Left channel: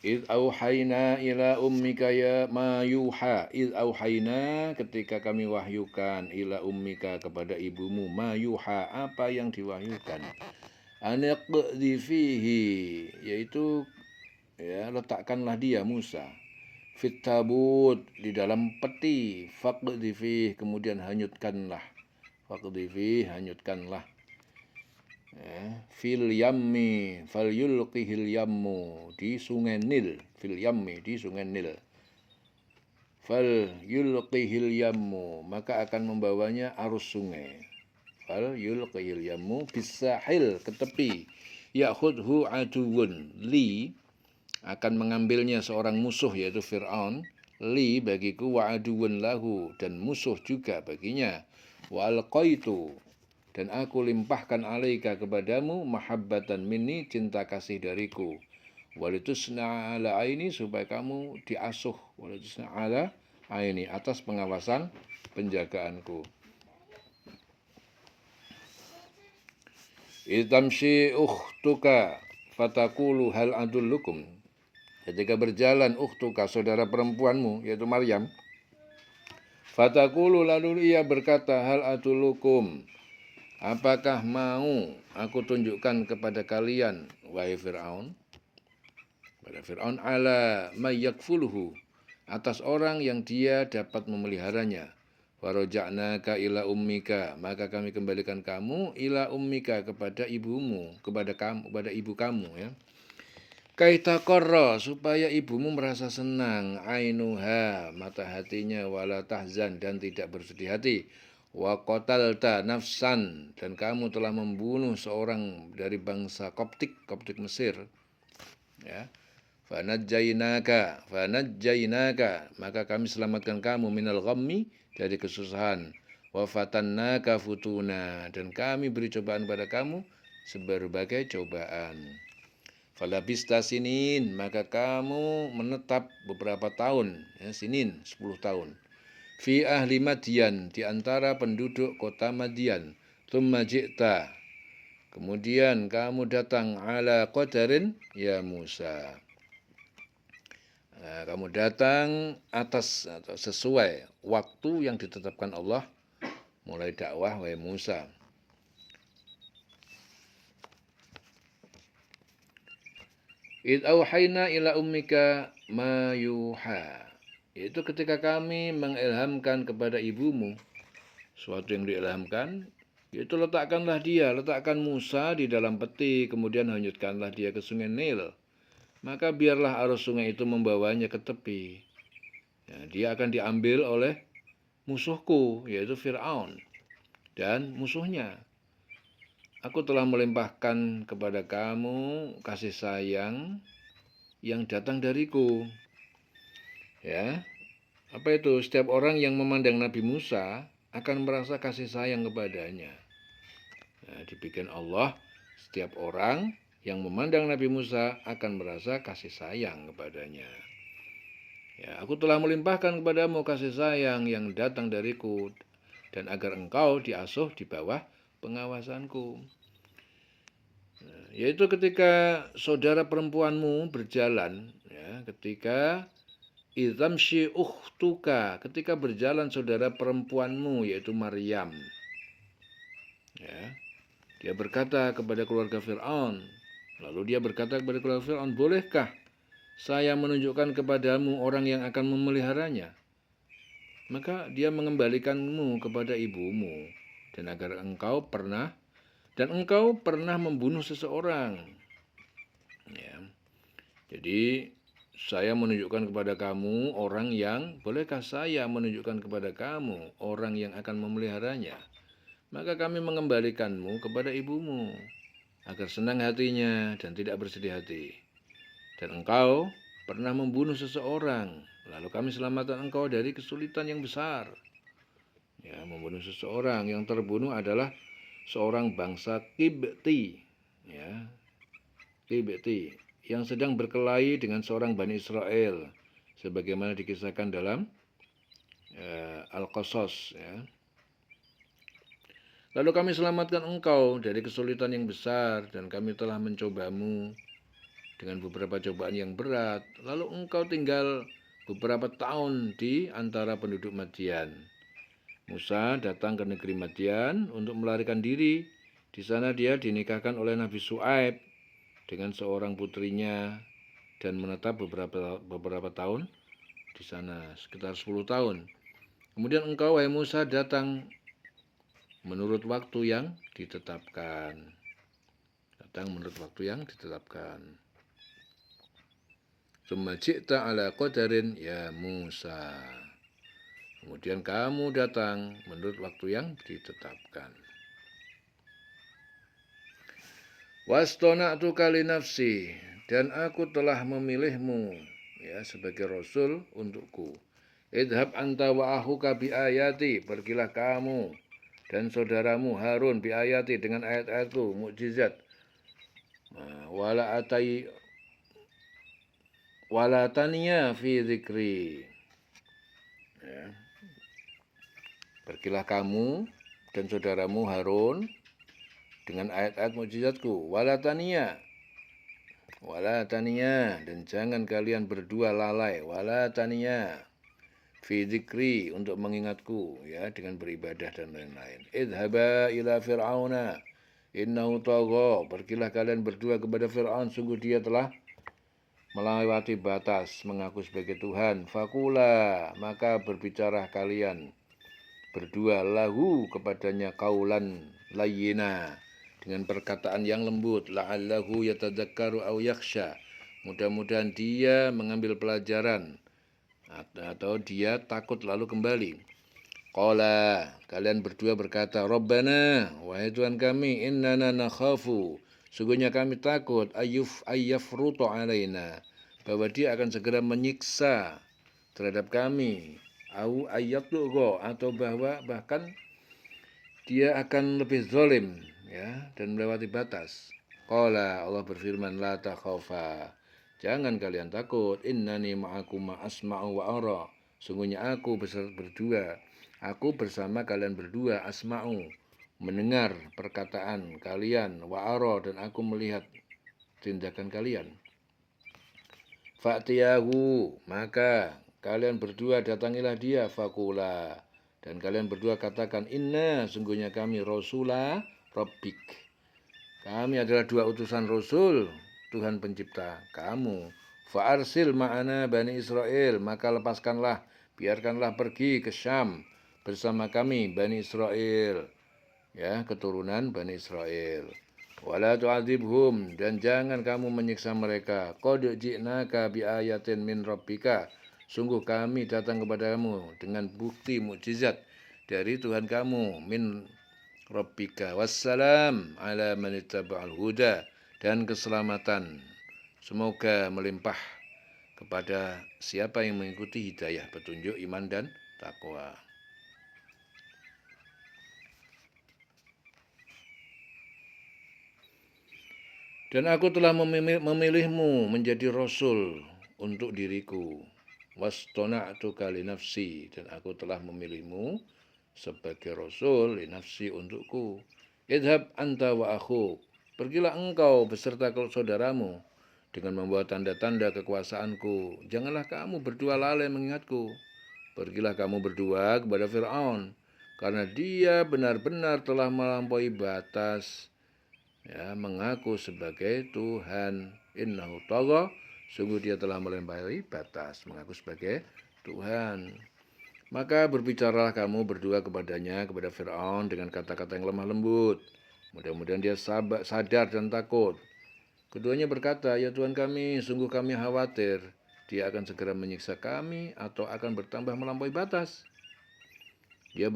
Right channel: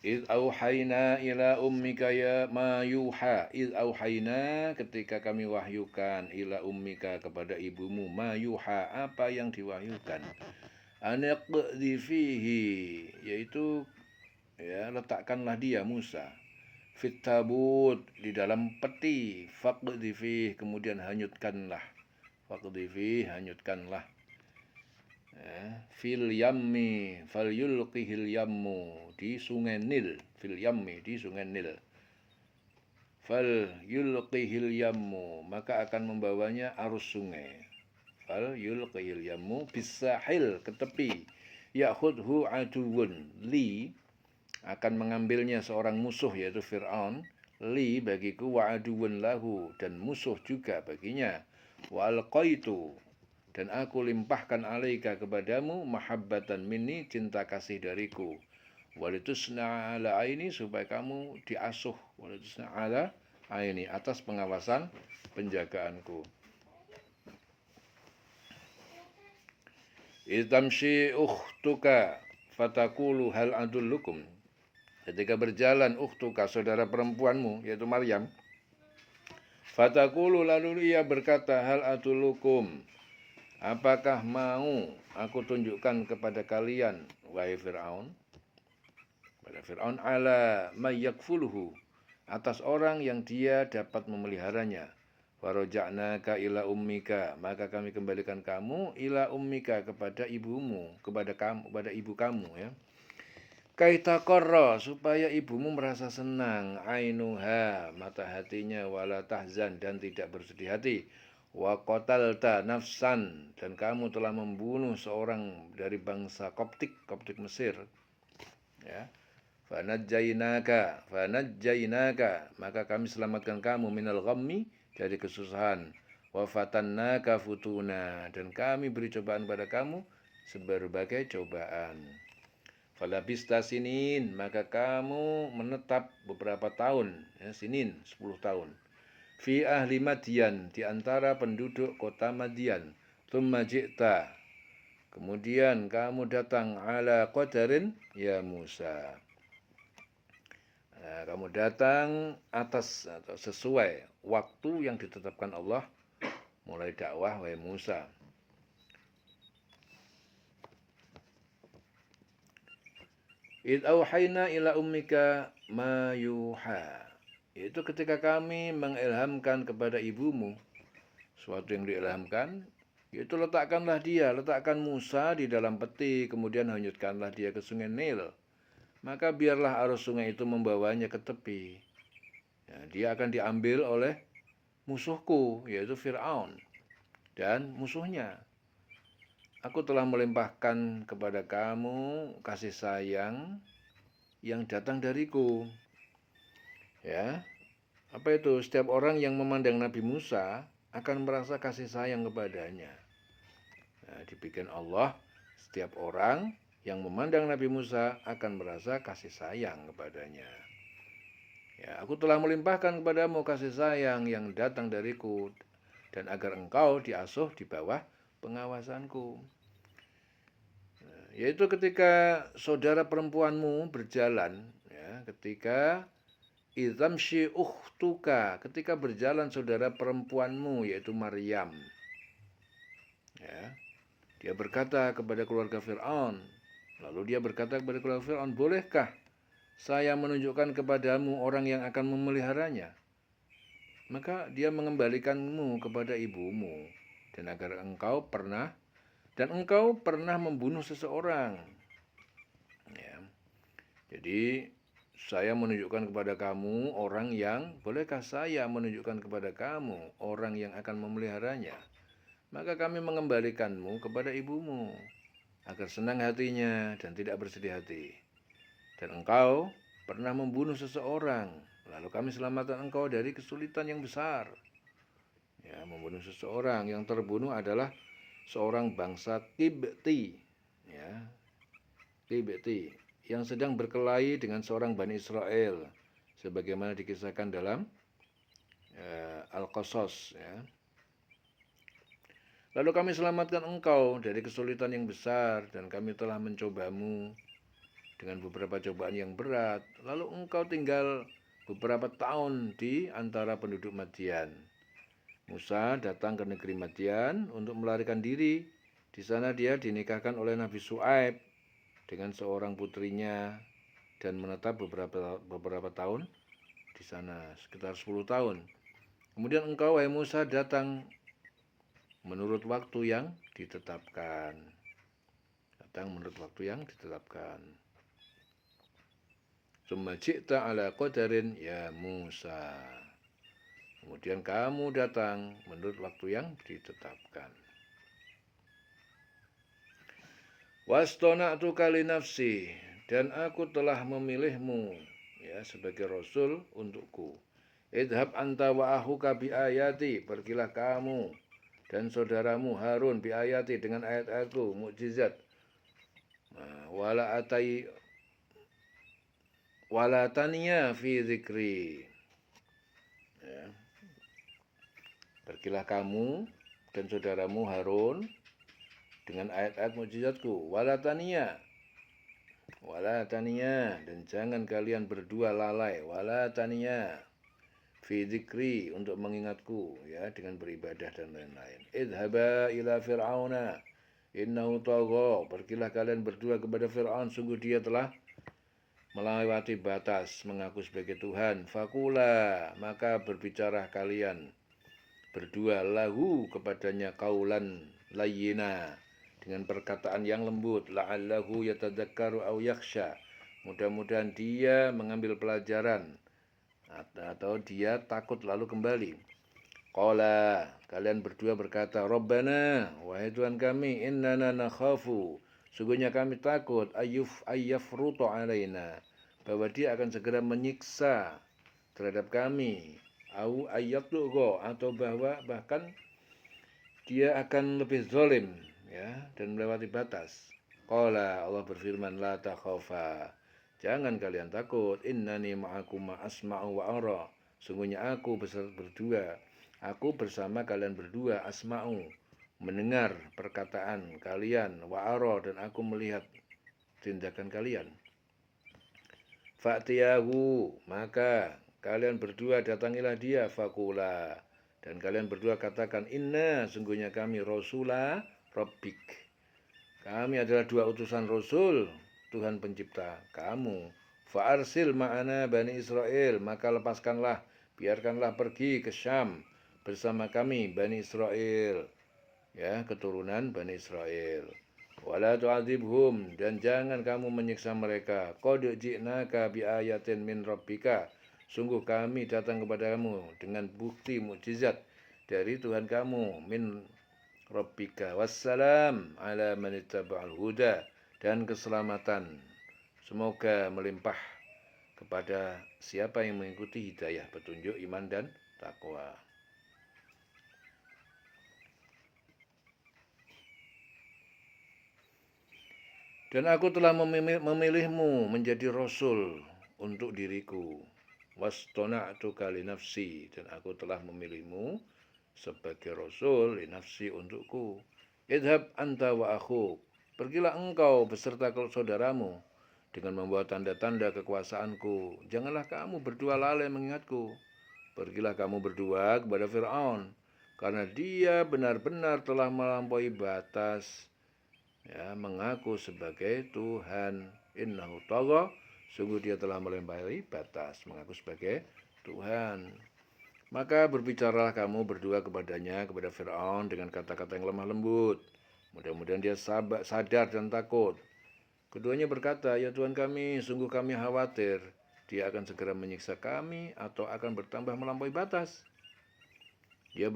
Iz auhayna ila ummika ya ma yuha. Iz auhayna ketika kami wahyukan ila ummika kepada ibumu ma yuha apa yang diwahyukan. Anaqdhi fihi yaitu ya letakkanlah dia Musa fit tabut di dalam peti faqdhi fihi kemudian hanyutkanlah faqdhi fihi hanyutkanlah fil yammi fal yulqihil yammu di sungai Nil fil yammi di sungai Nil fal yulqihil yammu maka akan membawanya arus sungai fal yulqihil yammu bisahil ke tepi ya'khudhu aduwun li akan mengambilnya seorang musuh yaitu Fir'aun li bagiku wa aduwun lahu dan musuh juga baginya wa alqaitu dan aku limpahkan alaika kepadamu mahabbatan minni cinta kasih dariku walitusna ala aini supaya kamu diasuh walitusna ala aini atas pengawasan penjagaanku. Itamshi ukhtuka fatakulu hal adullukum ketika berjalan ukhtuka saudara perempuanmu yaitu Maryam fatakulu lalu ia berkata hal adullukum apakah mau aku tunjukkan kepada kalian wahai Fir'aun pada Fir'aun ala mayyakfuluhu atas orang yang dia dapat memeliharanya waroja'naka ila ummika maka kami kembalikan kamu ila ummika kepada ibumu kepada ibu kamu ya kaita korro supaya ibumu merasa senang ainuha mata hatinya wala tahzan dan tidak bersedih hati wa qatalta nafsan dan kamu telah membunuh seorang dari bangsa Koptik Mesir ya fanajjainaka maka kami selamatkan kamu minal ghammi dari kesusahan wa fatannaka futuna dan kami beri cobaan pada kamu seberbagai cobaan falabista sinin maka kamu menetap beberapa tahun ya, sinin 10 tahun fi ahli Madian di antara penduduk kota Madian tsumma ji'ta kemudian kamu datang ala qadarin ya Musa kamu datang atas atau sesuai waktu yang ditetapkan Allah mulai dakwah wahai Musa. Id auhayna ila ummika ma yuha. Itu ketika kami mengilhamkan kepada ibumu suatu yang diilhamkan, yaitu letakkan Musa di dalam peti, kemudian hanyutkanlah dia ke sungai Nil. Maka biarlah arus sungai itu membawanya ke tepi. Nah, dia akan diambil oleh musuhku, yaitu Fir'aun dan musuhnya. Aku telah melimpahkan kepada kamu kasih sayang yang datang dariku. Ya, apa itu? Setiap orang yang memandang Nabi Musa akan merasa kasih sayang kepadanya. Nah, dibikin Allah, setiap orang yang memandang Nabi Musa akan merasa kasih sayang kepadanya. Ya, aku telah melimpahkan kepadamu kasih sayang yang datang dariku dan agar engkau diasuh di bawah pengawasanku. Yaitu ketika saudara perempuanmu berjalan, ya, ketika idamshi ukhtuka, ketika berjalan saudara perempuanmu yaitu Maryam. Ya, dia berkata kepada keluarga Fir'aun, lalu dia berkata kepada keluarga Fir'aun, bolehkah saya menunjukkan kepadamu orang yang akan memeliharanya? Maka dia mengembalikanmu kepada ibumu dan agar engkau pernah membunuh seseorang. Ya. Jadi saya menunjukkan kepada kamu orang yang, bolehkah saya menunjukkan kepada kamu orang yang akan memeliharanya? Maka kami mengembalikanmu kepada ibumu agar senang hatinya dan tidak bersedih hati. Dan engkau pernah membunuh seseorang, lalu kami selamatkan engkau dari kesulitan yang besar. Ya, membunuh seseorang, yang terbunuh adalah seorang bangsa Qibti, ya, Qibti yang sedang berkelahi dengan seorang Bani Israel, sebagaimana dikisahkan dalam Al-Qasas. Ya. Lalu kami selamatkan engkau dari kesulitan yang besar dan kami telah mencobamu dengan beberapa cobaan yang berat. Lalu engkau tinggal beberapa tahun di antara penduduk Madian. Musa datang ke negeri Madian untuk melarikan diri. Di sana dia dinikahkan oleh Nabi Syuaib dengan seorang putrinya dan menetap beberapa tahun di sana, sekitar 10 tahun. Kemudian engkau, wahai Musa, datang menurut waktu yang ditetapkan. Datang menurut waktu yang ditetapkan. Tsumma ji'ta ala qadarin ya Musa. Kemudian kamu datang menurut waktu yang ditetapkan. Wastona'tuka li nafsi, dan aku telah memilihmu ya sebagai rasul untukku. Idhab anta wa akhuka bi ayati, pergilah kamu dan saudaramu Harun bi ayati dengan ayat-ayatku, mukjizat. Wala taniya fi zikri. Ya. Pergilah kamu dan saudaramu Harun dengan ayat-ayat mukjizatku. Wala taniya, dan jangan kalian berdua lalai. Wala taniya fi dzikri, untuk mengingatku ya dengan beribadah dan lain-lain. Idhaba ila fir'auna innahu tagha, pergilah kalian berdua kepada Fir'aun, sungguh dia telah melewati batas, mengaku sebagai Tuhan. Fakula, maka berbicara kalian berdua lahu kepadanya kaulan layyina, dengan perkataan yang lembut. La'allahu yatadzakkaru aw yakhsha, mudah-mudahan dia mengambil pelajaran atau dia takut lalu kembali. Qala, kalian berdua berkata, Rabbana, wahai Tuhan kami, innana nakhafu, sungguhnya kami takut, ayyafruto alaina, bahwa dia akan segera menyiksa terhadap kami, au ayyatlugo, atau bahkan dia akan lebih zalim ya dan melewati batas. Qala, Allah berfirman, la takhafa, jangan kalian takut, innani ma'akum asma'u wa ara, sungguhnya aku bersama kalian berdua, asma'u, mendengar perkataan kalian, wa ara, dan aku melihat tindakan kalian. Fa'tiyahu, maka kalian berdua datangilah dia, fakula, dan kalian berdua katakan, inna, sungguhnya kami rasula rabbik, kami adalah dua utusan Rasul Tuhan pencipta kamu. Fa'arsil ma'ana Bani Israel, maka lepaskanlah, biarkanlah pergi ke Syam bersama kami Bani Israel, ya, keturunan Bani Israel. Wala tu'adzibhum, dan jangan kamu menyiksa mereka. Qad ji'naka bi ayatin min rabbika, sungguh kami datang kepadamu dengan bukti mukjizat dari Tuhan kamu, min rabbika. Wassalam ala man ittaba'al huda, dan keselamatan semoga melimpah kepada siapa yang mengikuti hidayah, petunjuk, iman, dan takwa. Dan aku telah memilihmu menjadi rasul untuk diriku. Wastona'tuka li nafsi, dan aku telah memilihmu sebagai rasul li nafsi, untukku. Idhab anta wa akhuk, pergilah engkau beserta saudaramu dengan membawa tanda-tanda kekuasaanku. Janganlah kamu berdua lalai mengingatku. Pergilah kamu berdua kepada Fir'aun, karena dia benar-benar telah melampaui batas, ya, mengaku sebagai Tuhan. Innahu tagha, sungguh dia telah melampaui batas, mengaku sebagai Tuhan. Maka berbicaralah kamu berdua kepadanya, kepada Fir'aun, dengan kata-kata yang lemah lembut. Mudah-mudahan dia sadar dan takut. Keduanya berkata, ya Tuhan kami, sungguh kami khawatir dia akan segera menyiksa kami atau akan bertambah melampaui batas. Allah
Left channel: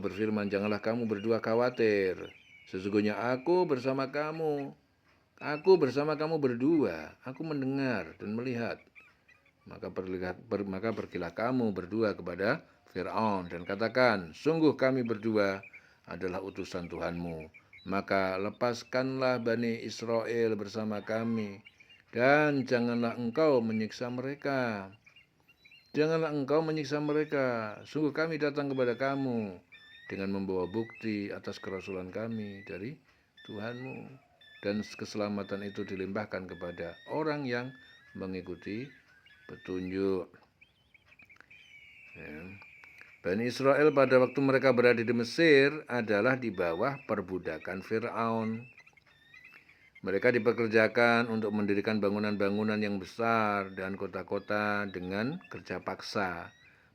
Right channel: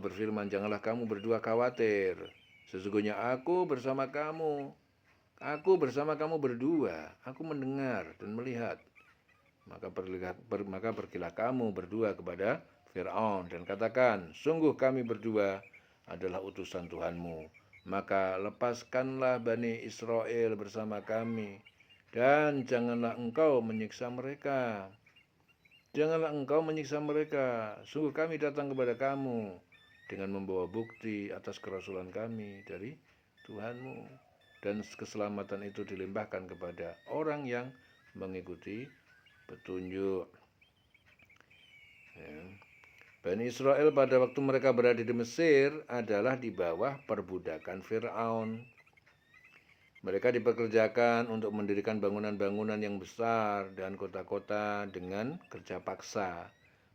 berfirman, janganlah kamu berdua khawatir. Sesungguhnya aku bersama kamu. Aku bersama kamu berdua. Aku mendengar dan melihat. Maka pergilah kamu berdua kepada Fir'aun dan katakan, sungguh kami berdua adalah utusan Tuhanmu. Maka lepaskanlah Bani Israel bersama kami, dan janganlah engkau menyiksa mereka. Janganlah engkau menyiksa mereka. Sungguh kami datang kepada kamu dengan membawa bukti atas kerasulan kami dari Tuhanmu. Dan keselamatan itu dilimpahkan kepada orang yang mengikuti petunjuk. Ya. Bani Israel pada waktu mereka berada di Mesir adalah di bawah perbudakan Fir'aun. Mereka dipekerjakan untuk mendirikan bangunan-bangunan yang besar dan kota-kota dengan kerja paksa.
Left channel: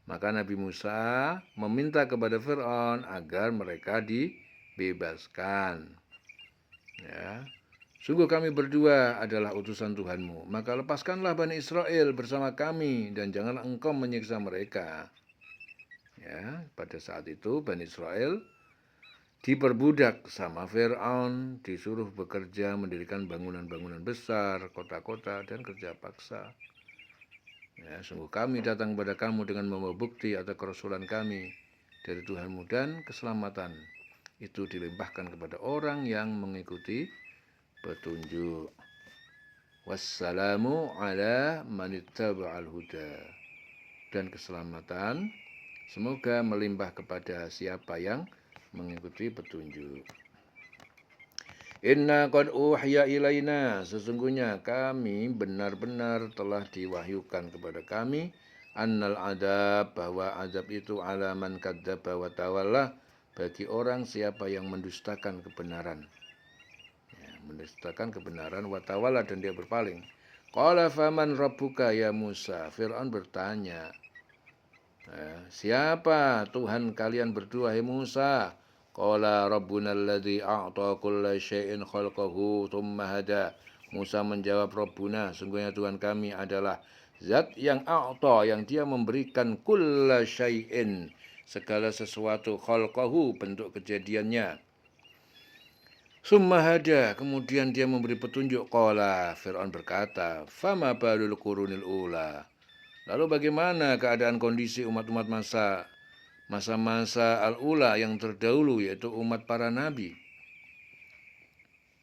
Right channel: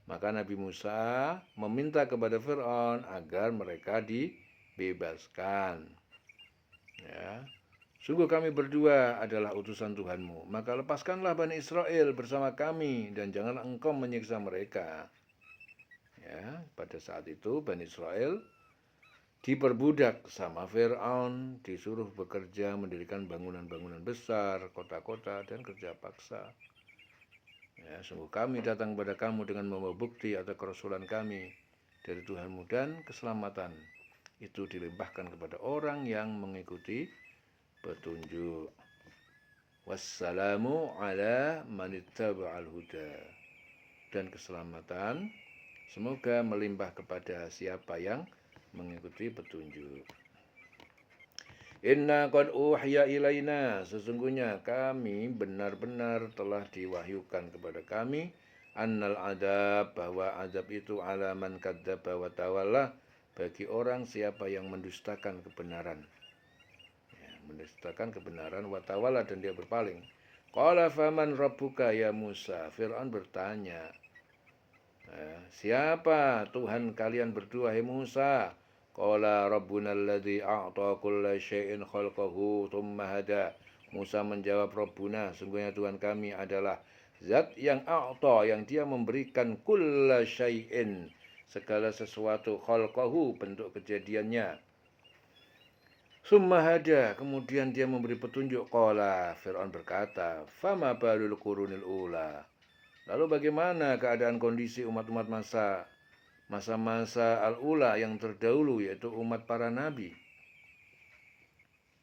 Maka Nabi Musa meminta kepada Fir'aun agar mereka dibebaskan. Ya. Sungguh kami berdua adalah utusan Tuhanmu, maka lepaskanlah Bani Israel bersama kami dan janganlah engkau menyiksa mereka. Ya, pada saat itu Bani Israel diperbudak sama Fir'aun, disuruh bekerja mendirikan bangunan-bangunan besar, kota-kota, dan kerja paksa. Ya, sungguh kami datang kepada kamu dengan membawa bukti atau kerasulan kami dari Tuhanmu, dan keselamatan itu dilimpahkan kepada orang yang mengikuti petunjuk. Wassalamu ala manittaba'al huda. Dan keselamatan semoga melimpah kepada siapa yang mengikuti petunjuk. Inna qad uhiya ilaina, sesungguhnya kami benar-benar telah diwahyukan kepada kami, annal adab, bahwa azab itu ala man kadzdzaba wa tawalla, bagi orang siapa yang mendustakan kebenaran. Ya, mendustakan kebenaran wa tawalla, dan dia berpaling. Qala faman rabbuka ya Musa, Fir'aun bertanya, siapa Tuhan kalian berdua, hai Musa? Qala rabbuna alladzi a'ta kulla syai'in khalqahu tsumma hada. Musa menjawab, Rabbuna, sungguhnya Tuhan kami adalah zat yang a'ta, yang dia memberikan kulla syai'in, segala sesuatu, khalqahu, bentuk kejadiannya. Tsumma hada, kemudian dia memberi petunjuk. Qala, Fir'aun berkata, fama balul qurunil ula. Lalu bagaimana keadaan kondisi umat-umat masa-masa al-ula yang terdahulu, yaitu umat para nabi?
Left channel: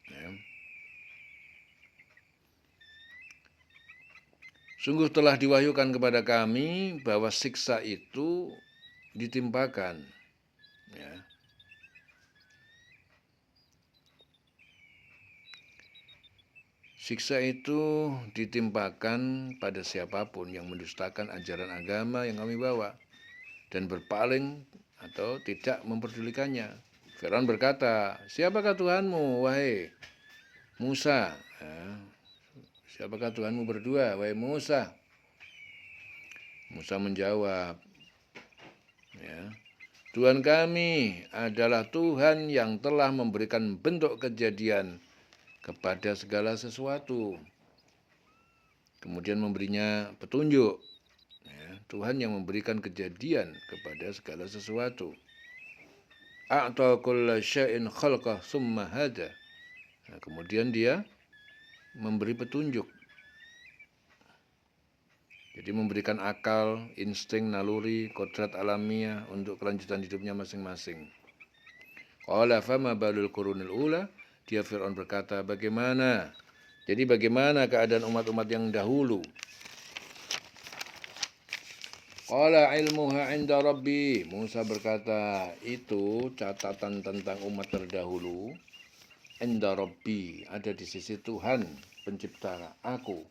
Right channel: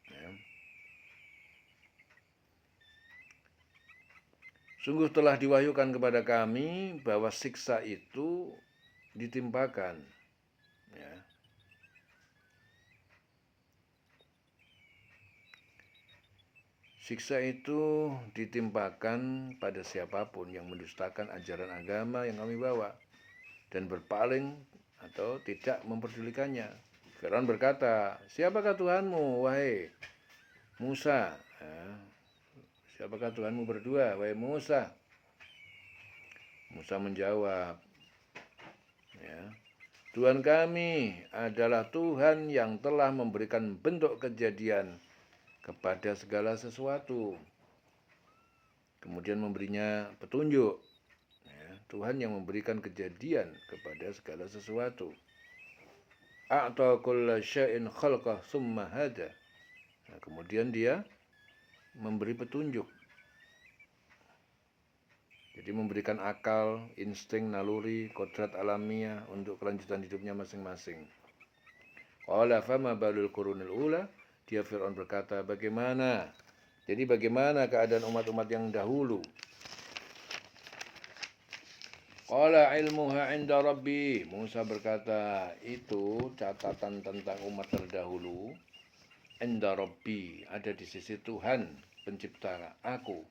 Ya. Sungguh telah diwahyukan kepada kami bahwa siksa itu ditimpakan. Ya. Siksa itu ditimpakan pada siapapun yang mendustakan ajaran agama yang kami bawa dan berpaling atau tidak memperdulikannya. Fir'aun berkata, siapakah Tuhanmu, wahai Musa? Siapakah Tuhanmu berdua, wahai Musa? Musa menjawab, ya, Tuhan kami adalah Tuhan yang telah memberikan bentuk kejadian kepada segala sesuatu, kemudian memberinya petunjuk. Ya, Tuhan yang memberikan kejadian kepada segala sesuatu. A'ta kulla syai'in khalqah tsumma hada. Nah, kemudian dia memberi petunjuk. Jadi memberikan akal, insting, naluri, kodrat alamiah untuk kelanjutan hidupnya masing-masing. Qala fama balul qurunil ula. Dia Fir'aun berkata, bagaimana keadaan umat-umat yang dahulu? Qala ilmuha 'inda rabbi. Musa berkata, itu catatan tentang umat terdahulu, 'inda rabbi, ada di sisi Tuhan pencipta aku.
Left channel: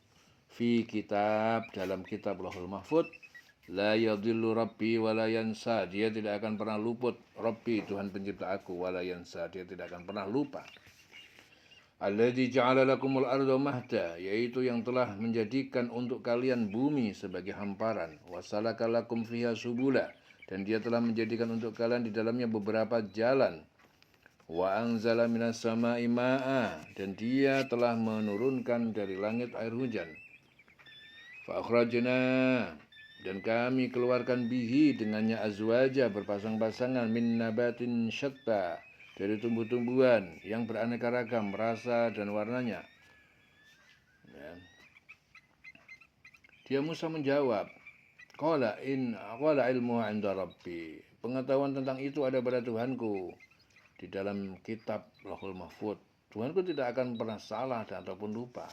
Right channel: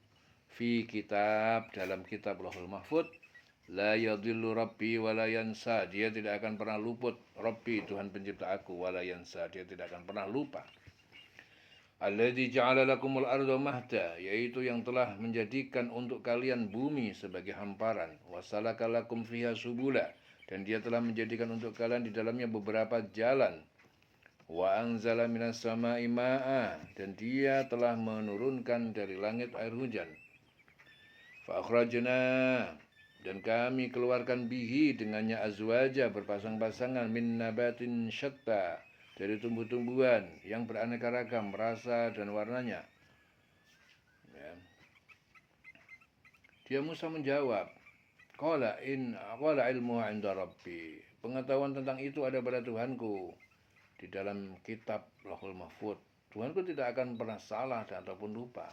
Fi kitab, dalam kitab Lauhul Mahfuz. La yadhillu rabbi wa la yansa. Dia tidak akan pernah luput. Rabbi, Tuhan pencipta aku, wa la yansa, dia tidak akan pernah lupa. Alladzi ja'ala lakumul arda mahda, yaitu yang telah menjadikan untuk kalian bumi sebagai hamparan. Wasalaka lakum fiha subula, dan dia telah menjadikan untuk kalian di dalamnya beberapa jalan. Wa anzala minas sama'i ma'a, dan dia telah menurunkan dari langit air hujan. Fa akhrajna, dan kami keluarkan bihi, dengannya, azwaja, berpasang-pasangan, min nabatin syatta, dari tumbuh-tumbuhan yang beraneka ragam rasa dan warnanya. Ya. Dia Musa menjawab, qala ilmu 'inda rabbi, pengetahuan tentang itu ada pada Tuhanku di dalam kitab Lauhul Mahfuz. Tuhanku tidak akan pernah salah ataupun lupa.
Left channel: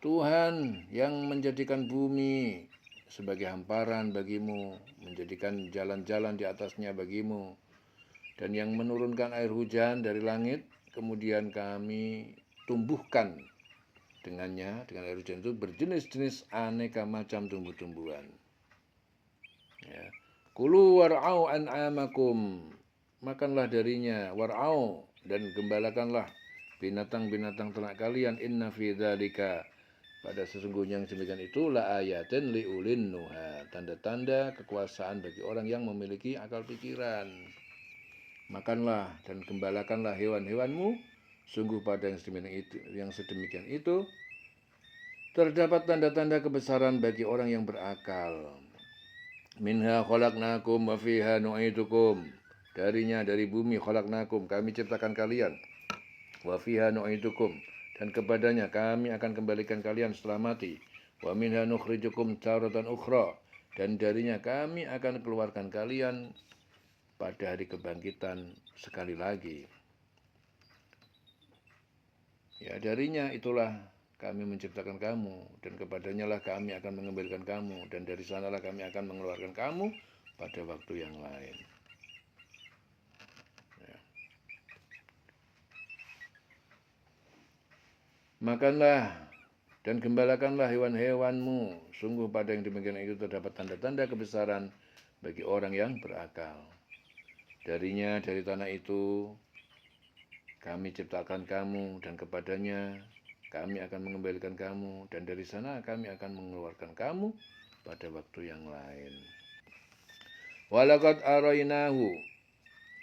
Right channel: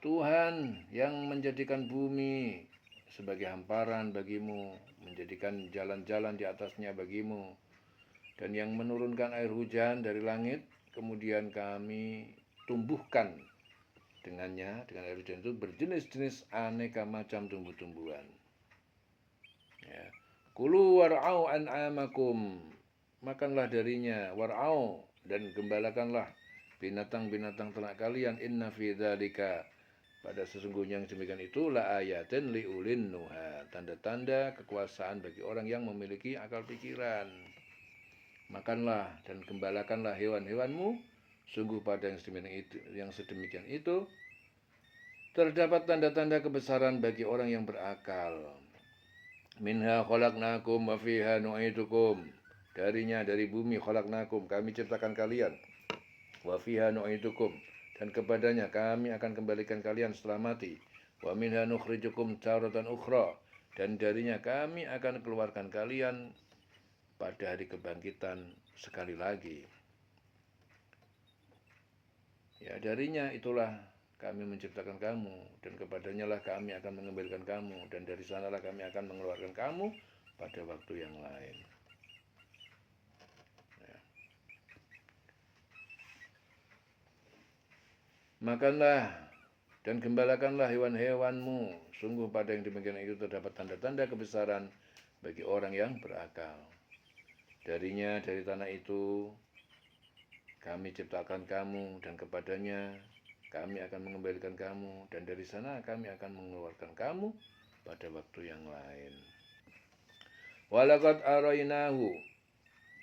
Tuhan yang menjadikan bumi sebagai hamparan bagimu, menjadikan jalan-jalan di atasnya bagimu, dan yang menurunkan air hujan dari langit, kemudian kami tumbuhkan dengannya, dengan air hujan itu berjenis-jenis aneka macam tumbuh-tumbuhan. Ya. Kulu war'au an'amakum, makanlah darinya, war'au, dan gembalakanlah binatang-binatang ternak kalian. Inna fi dzalika, pada sesungguhnya yang demikian itu, la ayatin liulin nuha, tanda-tanda kekuasaan bagi orang yang memiliki akal pikiran. Makanlah dan gembalakanlah hewan-hewanmu, sungguh pada yang sedemikian itu terdapat tanda-tanda kebesaran bagi orang yang berakal. Minha khalaqnakum wa fiha nu'idukum, darinya, dari bumi, khalaqnakum, kami ciptakan kalian, wa fiha nu'idukum, dan kepadanya kami akan kembalikan kalian setelah mati, wa minha nukhrijukum taratan ukhra, dan darinya kami akan keluarkan kalian pada hari kebangkitan sekali lagi. Ya, darinya itulah kami menciptakan kamu, dan kepadanya lah kami akan mengembalikan kamu, dan dari sanalah kami akan mengeluarkan kamu pada waktu yang lain. Ya. Makanlah dan gembalakanlah hewan-hewanmu, sungguh pada yang demikian itu terdapat tanda-tanda kebesaran bagi orang yang berakal. Darinya, dari tanah itu kami ciptakan kamu, dan kepadanya kami akan mengembalikan kamu, dan dari sana kami akan mengeluarkan kamu pada waktu yang lain. Walaqad arainahu,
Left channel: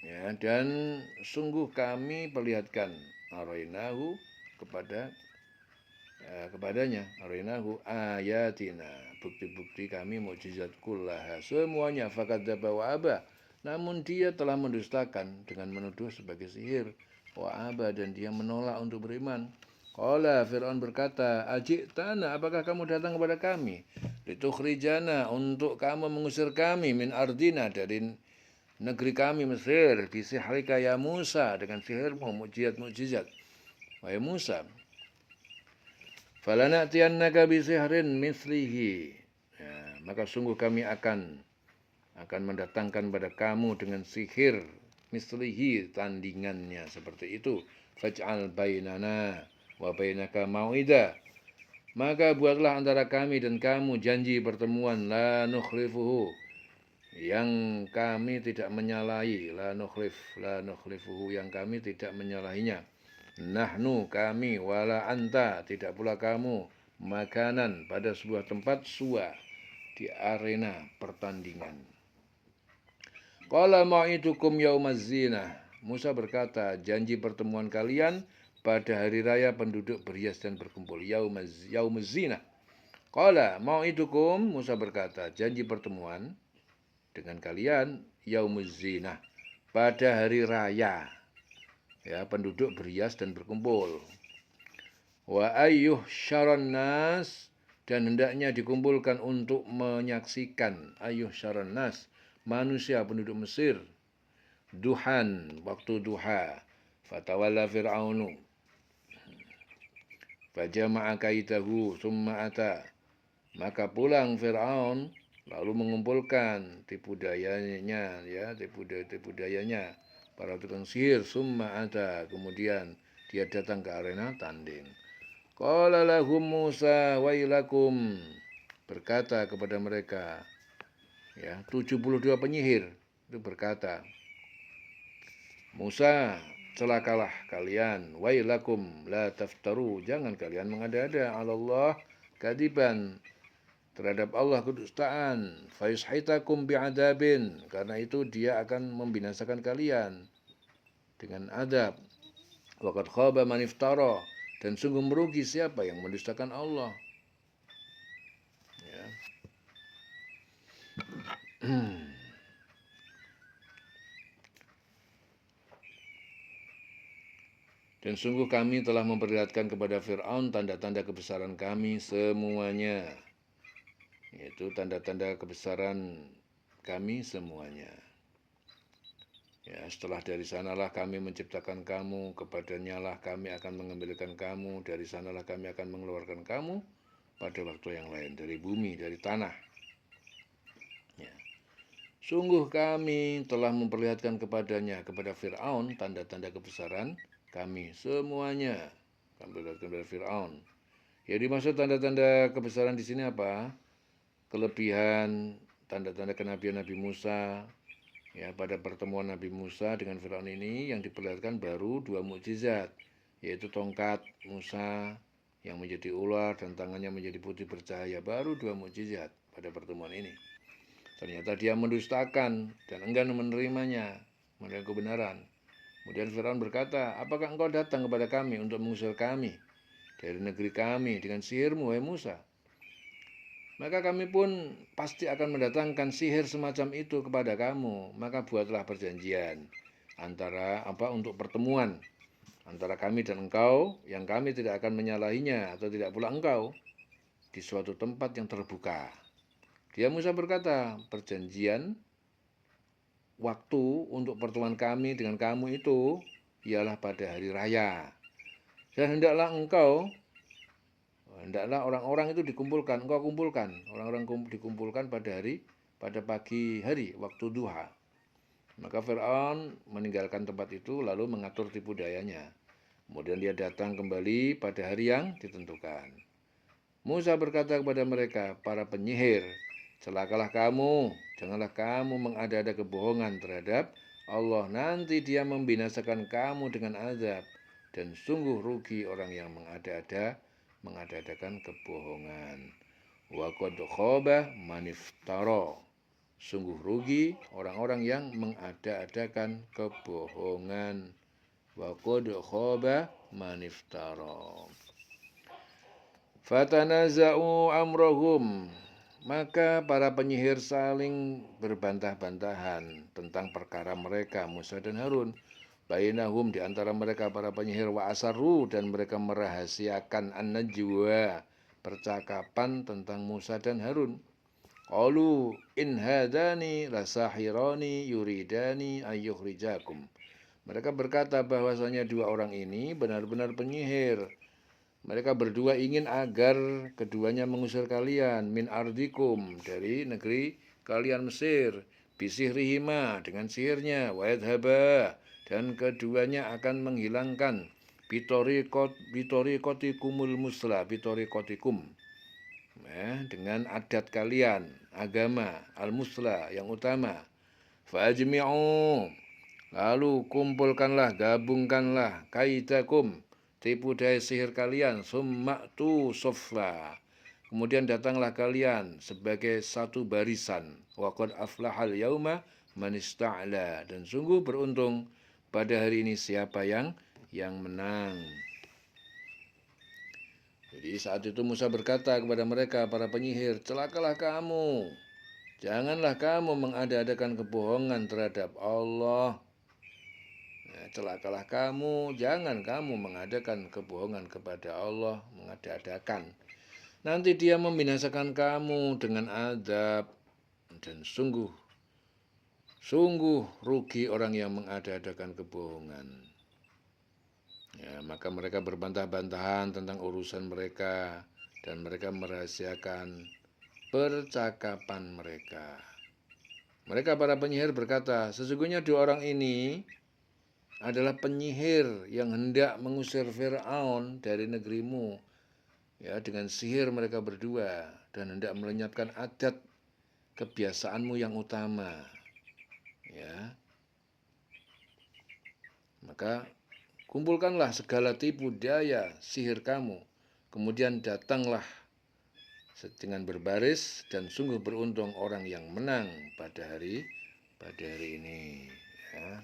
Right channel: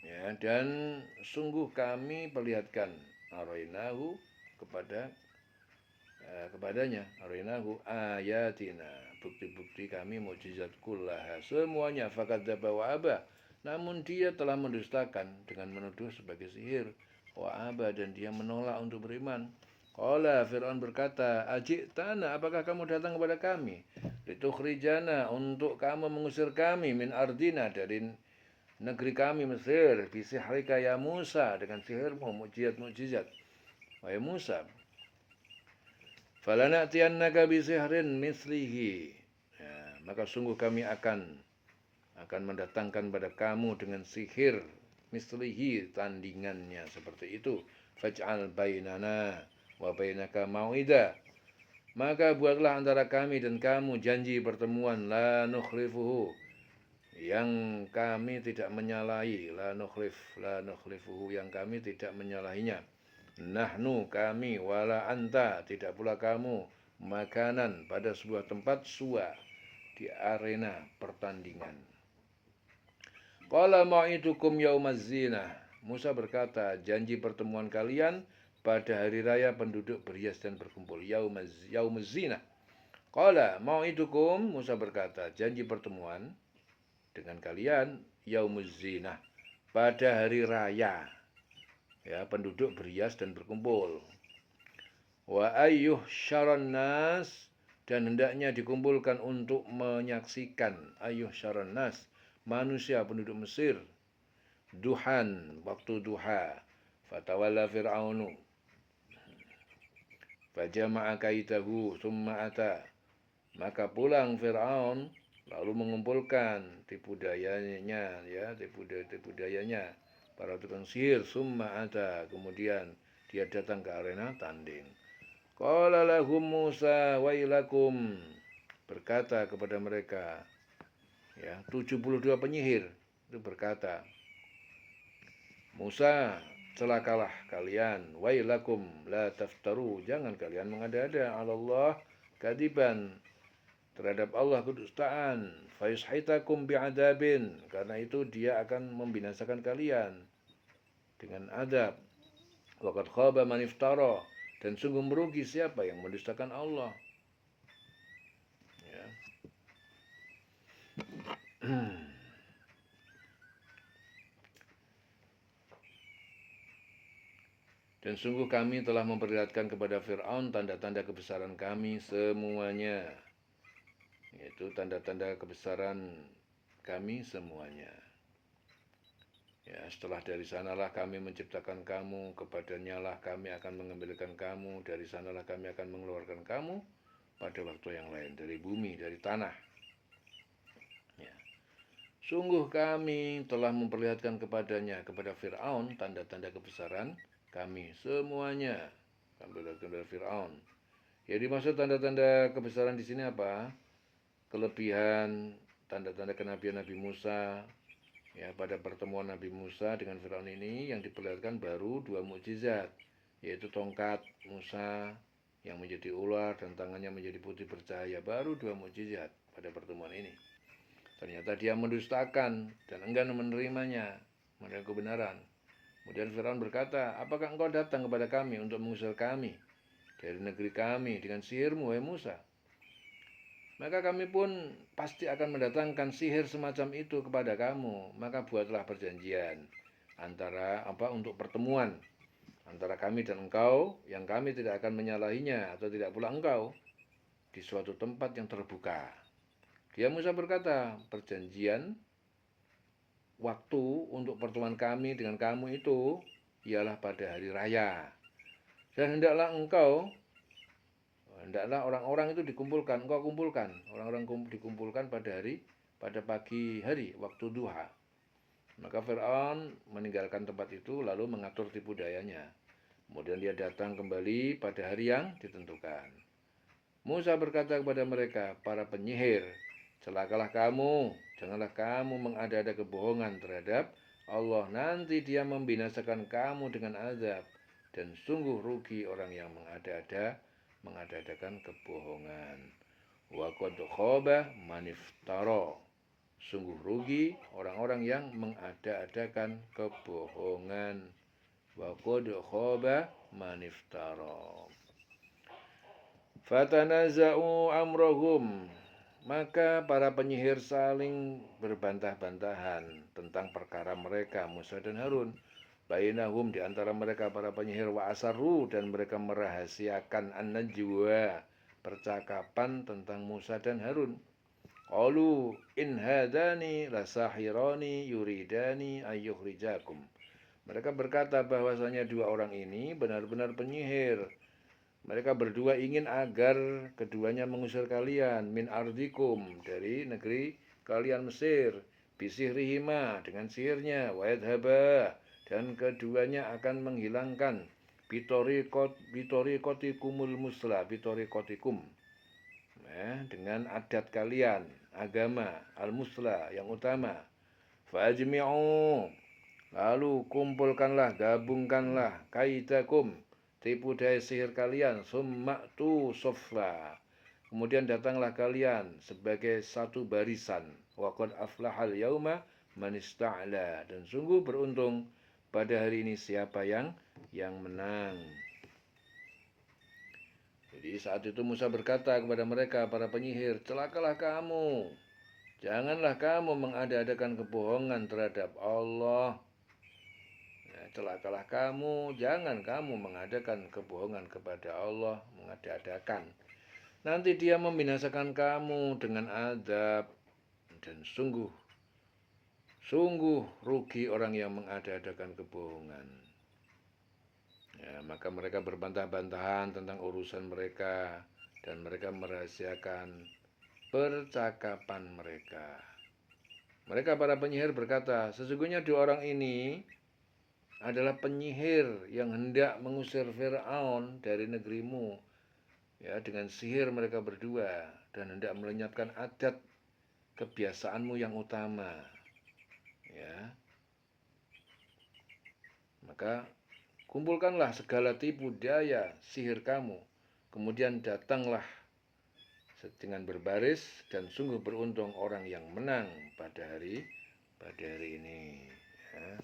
ya, dan sungguh kami perlihatkan, arainahu, kepadanya, arainahu ayatina, bukti-bukti kami, mukjizat kullaha, semuanya, fakadzdzaba wa aba, namun dia telah mendustakan dengan menuduh sebagai sihir, wa aba, dan dia menolak untuk beriman. Qala, Fir'aun berkata, ajitana, apakah kamu datang kepada kami, litukhrijana, untuk kamu mengusir kami, min ardina, dari negeri kami Mesir, bisihrika ya Musa, dengan sihirmu, mukjizat-mukjizat wahai Musa. Falana'tiyannaka bisihrin mislihi, ya, maka sungguh kami akan mendatangkan pada kamu dengan sihir mislihi, tandingannya seperti itu. Faj'al bainana wa bainaka mau'ida, maka buatlah antara kami dan kamu janji pertemuan, la nukhlifuhu, yang kami tidak menyalahi, la nukhlifuhu, yang kami tidak menyalahinya. Nahnu, kami, wala anta, tidak pula kamu, makanan, pada sebuah tempat, suwa, di arena pertandingan. Qala ma'idukum yaumaz zinah, Musa berkata, janji pertemuan kalian pada hari raya penduduk berhias dan berkumpul, yaumaz zinah. Qala ma'idukum, Musa berkata, janji pertemuan dengan kalian, yaumuz zinah, pada hari raya, ya, penduduk berhias dan berkumpul. Wa ayyuh syaron nas, dan hendaknya dikumpulkan untuk menyaksikan, ayyuh syaron nas, manusia penduduk Mesir, duhan, waktu duha. Fatawalla fir'aunu fajama'a kaidahu summa ata, maka pulang Fir'aun lalu mengumpulkan tipu dayanya, ya, tipu dayanya, para tukang sihir, summa ata, kemudian dia datang ke arena tanding. Qala lahum Musa wailakum, berkata kepada mereka, ya, 72 penyihir itu berkata, Musa, celakalah kalian, wailakum la taftaru, jangan kalian mengada-ada, Allah kadiban, terhadap Allah kedustaan, faishitakum bi'adabin, karena itu dia akan membinasakan kalian dengan adab. Waqad khaba man iftara, dan sungguh merugi siapa yang mendustakan Allah. Ya. Dan sungguh kami telah memperlihatkan kepada Fir'aun tanda-tanda kebesaran kami semuanya, yaitu tanda-tanda kebesaran kami semuanya. Ya, setelah dari sanalah kami menciptakan kamu, kepadanya lah kami akan mengembalikan kamu, dari sanalah kami akan mengeluarkan kamu pada waktu yang lain, dari bumi, dari tanah. Ya. Sungguh kami telah memperlihatkan kepadanya, kepada Fir'aun, tanda-tanda kebesaran kami semuanya. Kami perlihatkan kepada Fir'aun, Ya dimaksud tanda-tanda kebesaran di sini apa? Kelebihan, tanda-tanda kenabian Nabi Musa. Ya, pada pertemuan Nabi Musa dengan Firaun ini yang diperlihatkan baru 2 mukjizat, yaitu tongkat Musa yang menjadi ular dan tangannya menjadi putih bercahaya. Baru 2 mukjizat pada pertemuan ini. Ternyata dia mendustakan dan enggan menerimanya, menerima kebenaran. Kemudian Firaun berkata, apakah engkau datang kepada kami untuk mengusir kami dari negeri kami dengan sihirmu, wahai Musa? Maka kami pun pasti akan mendatangkan sihir semacam itu kepada kamu. Maka buatlah perjanjian antara untuk pertemuan antara kami dan engkau, yang kami tidak akan menyalahinya atau tidak pula engkau, di suatu tempat yang terbuka. Dia Musa berkata, perjanjian waktu untuk pertemuan kami dengan kamu itu ialah pada hari raya. Dan hendaklah orang-orang itu dikumpulkan, engkau kumpulkan, orang-orang dikumpulkan pada pagi hari, waktu duha. Maka Fir'aun meninggalkan tempat itu lalu mengatur tipu dayanya. Kemudian dia datang kembali pada hari yang ditentukan. Musa berkata kepada mereka, para penyihir, celakalah kamu, janganlah kamu mengada-ada kebohongan terhadap Allah. Nanti dia membinasakan kamu dengan azab. Dan sungguh rugi orang yang mengada-adakan kebohongan. Wa qad khaba man iftara. Sungguh rugi orang-orang yang mengada-adakan kebohongan. Wa qad khaba man iftara. Fatanaza'u amrahum. Maka para penyihir saling berbantah-bantahan tentang perkara mereka, Musa dan Harun. Bainahum, di antara mereka para penyihir, wa asarru, dan mereka merahasiakan an-najwa, percakapan tentang Musa dan Harun. Qalu in hadani lasahirani yuridani ayyukhrijakum. Mereka berkata bahwasanya dua orang ini benar-benar penyihir. Mereka berdua ingin agar keduanya mengusir kalian min ardikum, dari negeri kalian Mesir, bisihrihima, dengan sihirnya, wa yadhaba, dan keduanya akan menghilangkan bitorikotikumul musla, bitorikotikum, dengan adat kalian, agama al-musla yang utama. Fajmi'u, lalu kumpulkanlah, gabungkanlah, kaidakum, tipu daya sihir kalian, summa'tu sofla, kemudian datanglah kalian sebagai satu barisan. Wa qad aflahal yauma man ista'la, dan sungguh beruntung pada hari ini siapa yang menang. Jadi saat itu Musa berkata kepada mereka, para penyihir, celakalah kamu, janganlah kamu mengada-adakan kebohongan terhadap Allah. Celakalah kamu, jangan kamu mengadakan kebohongan kepada Allah, mengada-adakan. Nanti dia membinasakan kamu dengan azab, dan sungguh rugi orang yang mengada-adakan kebohongan. Ya, maka mereka berbantah-bantahan tentang urusan mereka, dan mereka merahasiakan percakapan mereka. Mereka para penyihir berkata, sesungguhnya dua orang ini adalah penyihir yang hendak mengusir Fir'aun dari negerimu, ya, dengan sihir mereka berdua, dan hendak melenyapkan adat kebiasaanmu yang utama, ya. Maka kumpulkanlah segala tipu daya sihir kamu, kemudian datanglah dengan berbaris, dan sungguh beruntung orang yang menang pada hari ini. Ya,